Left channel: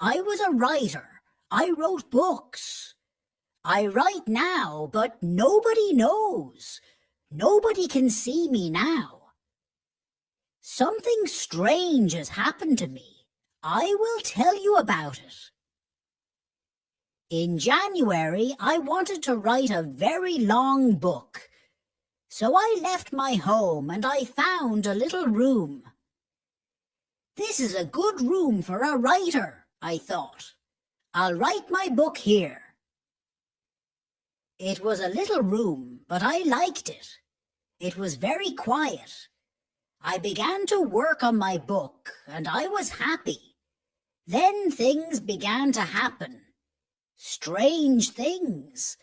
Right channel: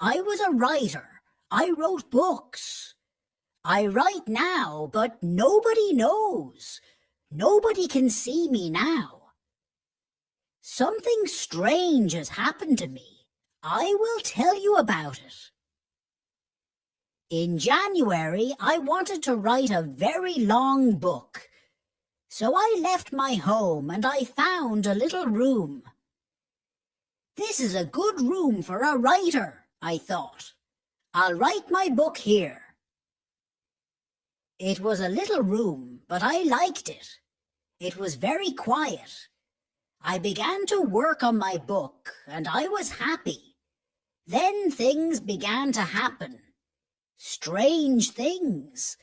I was a writer. I wrote books. I write now, but nobody knows. Nobody can see me now. Something strange has happened to me. I will tell you about it. In January, I wanted to write a very long book. So I left my home and I found a little room. This is a good room for a writer, I thought. I'll write my book here. It was a little room, but I liked it. It was very quiet. I began to work on my book, and I was happy. Then things began to happen. Strange things.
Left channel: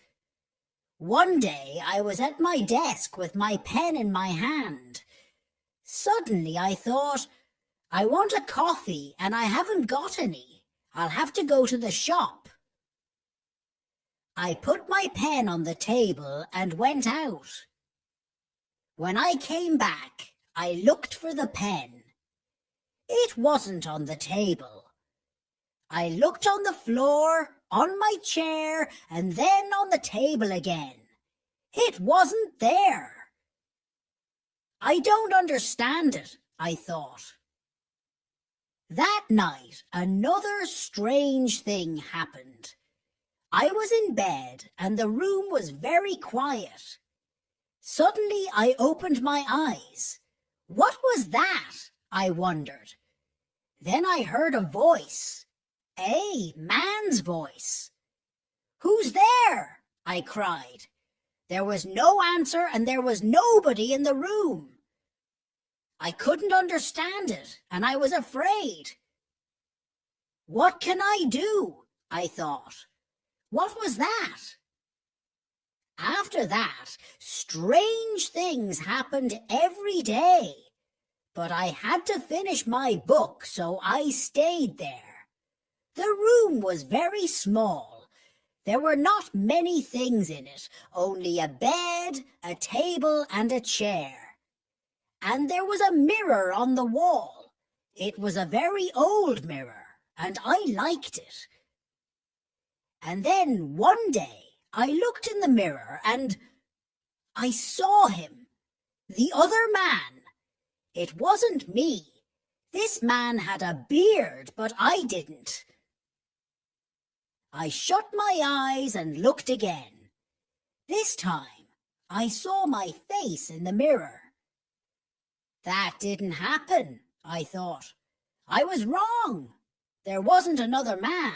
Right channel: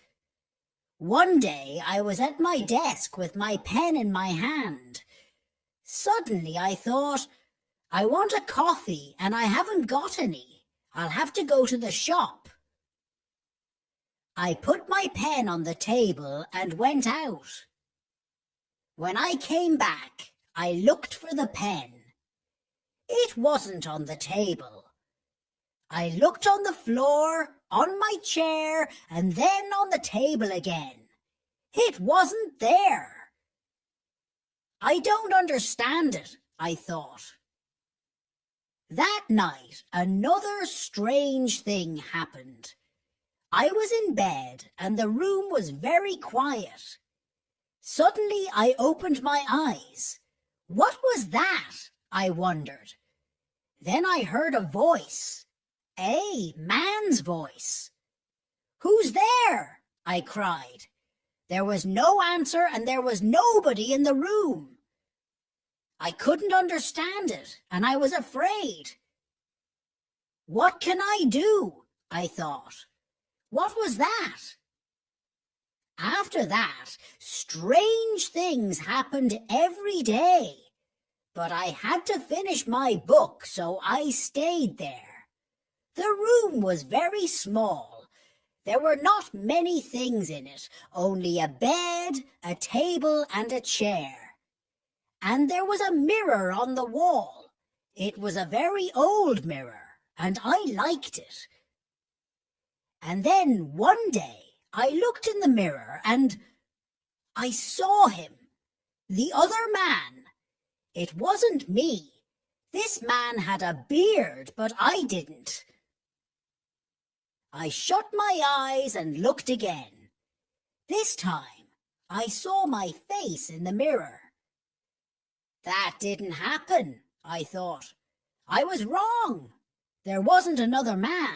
One day I was at my desk with my pen in my hand. Suddenly I thought, I want a coffee and I haven't got any. I'll have to go to the shop. I put my pen on the table and went out. When I came back, I looked for the pen. It wasn't on the table. I looked on the floor, on my chair, and then on the table again. It wasn't there. I don't understand it, I thought. That night, another strange thing happened. I was in bed and the room was very quiet. Suddenly I opened my eyes. What was that? I wondered. Then I heard a voice. A man's voice. Who's there? I cried. There was no answer and there was nobody in the room. I couldn't understand it and I was afraid. What can I do? I thought. What was that? After that, strange things happened every day. But I had to finish my book, so I stayed there. The room was very small. There were not many things in it, only a bed, a table, and a chair. And there was a mirror on the wall. It was a very old mirror, and I liked it. And then one day I looked in the mirror and I saw him, the other man. It wasn't me. This man had a beard, but I didn't. I shut my eyes and looked again. This time I saw my face in the mirror. That didn't happen, I thought. I was wrong. There wasn't another man.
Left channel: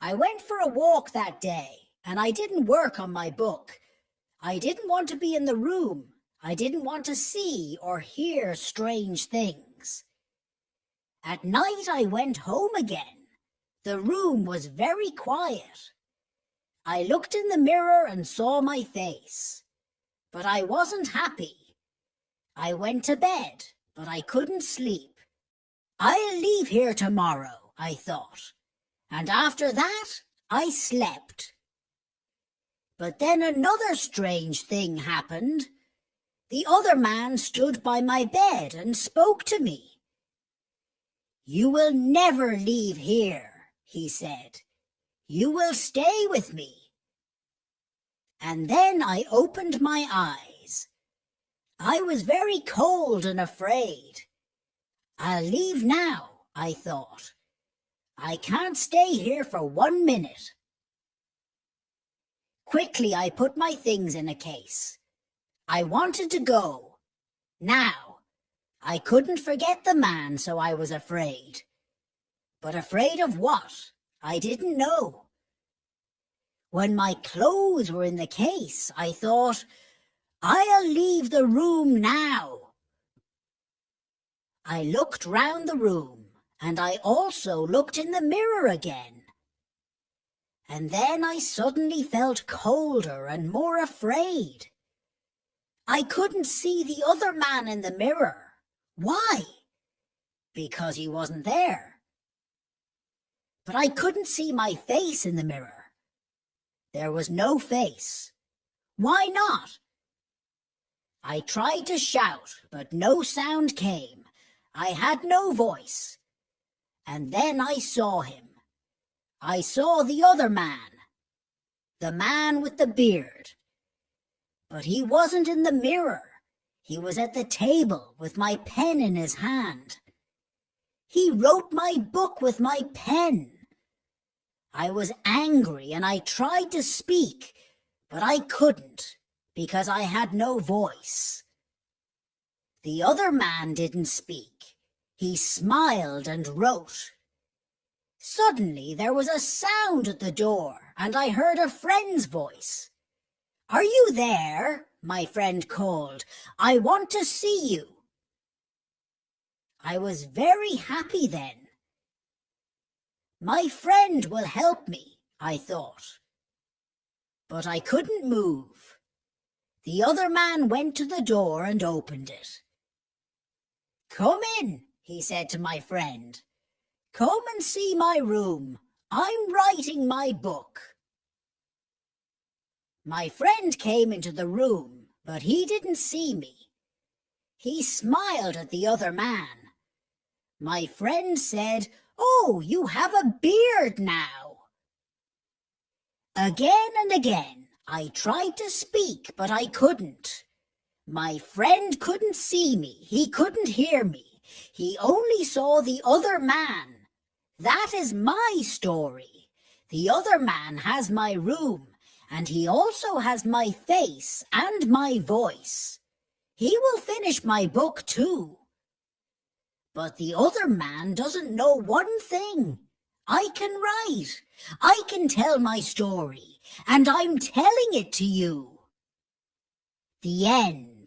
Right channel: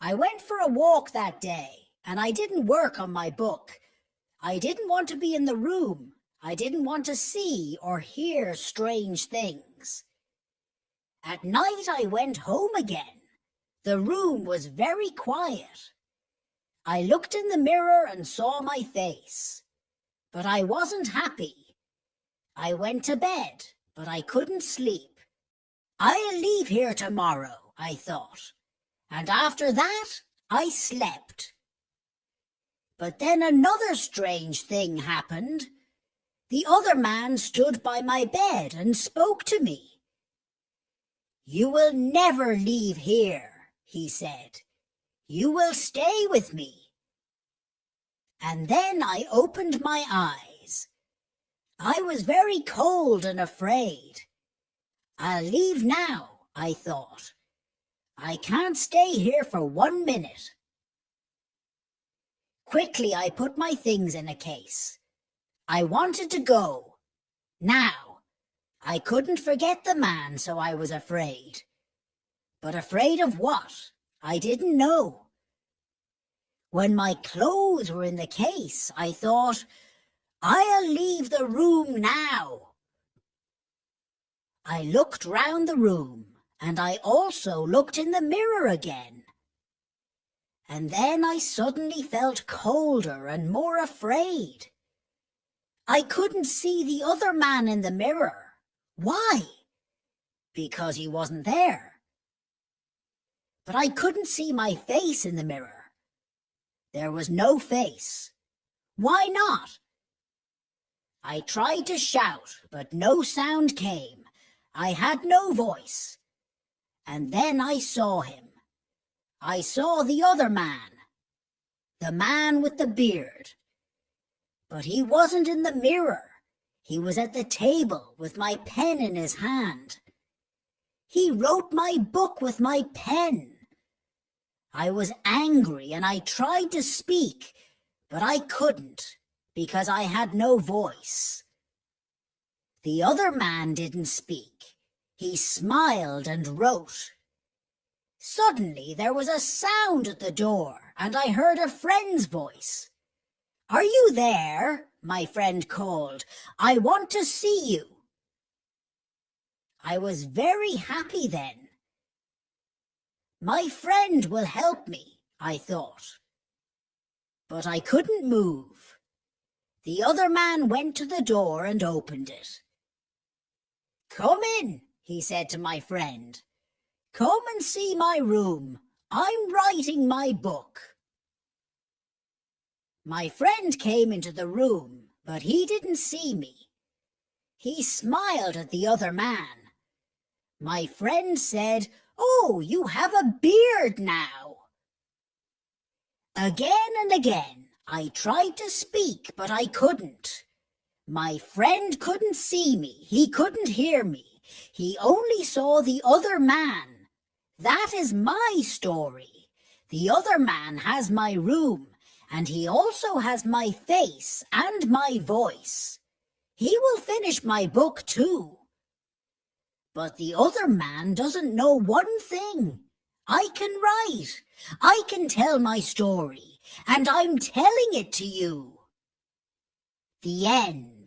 I went for a walk that day, and I didn't work on my book. I didn't want to be in the room. I didn't want to see or hear strange things. At night I went home again. The room was very quiet. I looked in the mirror and saw my face. But I wasn't happy. I went to bed, but I couldn't sleep. I'll leave here tomorrow, I thought. And after that, I slept. But then another strange thing happened. The other man stood by my bed and spoke to me. You will never leave here, he said. You will stay with me. And then I opened my eyes. I was very cold and afraid. I'll leave now, I thought. I can't stay here for 1 minute. Quickly I put my things in a case. I wanted to go. Now, I couldn't forget the man, so I was afraid. But afraid of what? I didn't know. When my clothes were in the case, I thought, I'll leave the room now. I looked round the room. And I also looked in the mirror again. And then I suddenly felt colder and more afraid. I couldn't see the other man in the mirror. Why? Because he wasn't there. But I couldn't see my face in the mirror. There was no face. Why not? I tried to shout, but no sound came. I had no voice. And then I saw him. I saw the other man, the man with the beard. But he wasn't in the mirror. He was at the table with my pen in his hand. He wrote my book with my pen. I was angry and I tried to speak, but I couldn't because I had no voice. The other man didn't speak. He smiled and wrote. Suddenly there was a sound at the door and I heard a friend's voice. "Are you there?" my friend called. "I want to see you." I was very happy then. My friend will help me, I thought. But I couldn't move. The other man went to the door and opened it. "Come in," he said to my friend. "Come and see my room. I'm writing my book." My friend came into the room, but he didn't see me. He smiled at the other man. My friend said, "Oh, you have a beard now." Again and again, I tried to speak, but I couldn't. My friend couldn't see me. He couldn't hear me. He only saw the other man. That is my story. The other man has my room, and he also has my face and my voice. He will finish my book too. But the other man doesn't know one thing. I can write. I can tell my story, and I'm telling it to you. The end.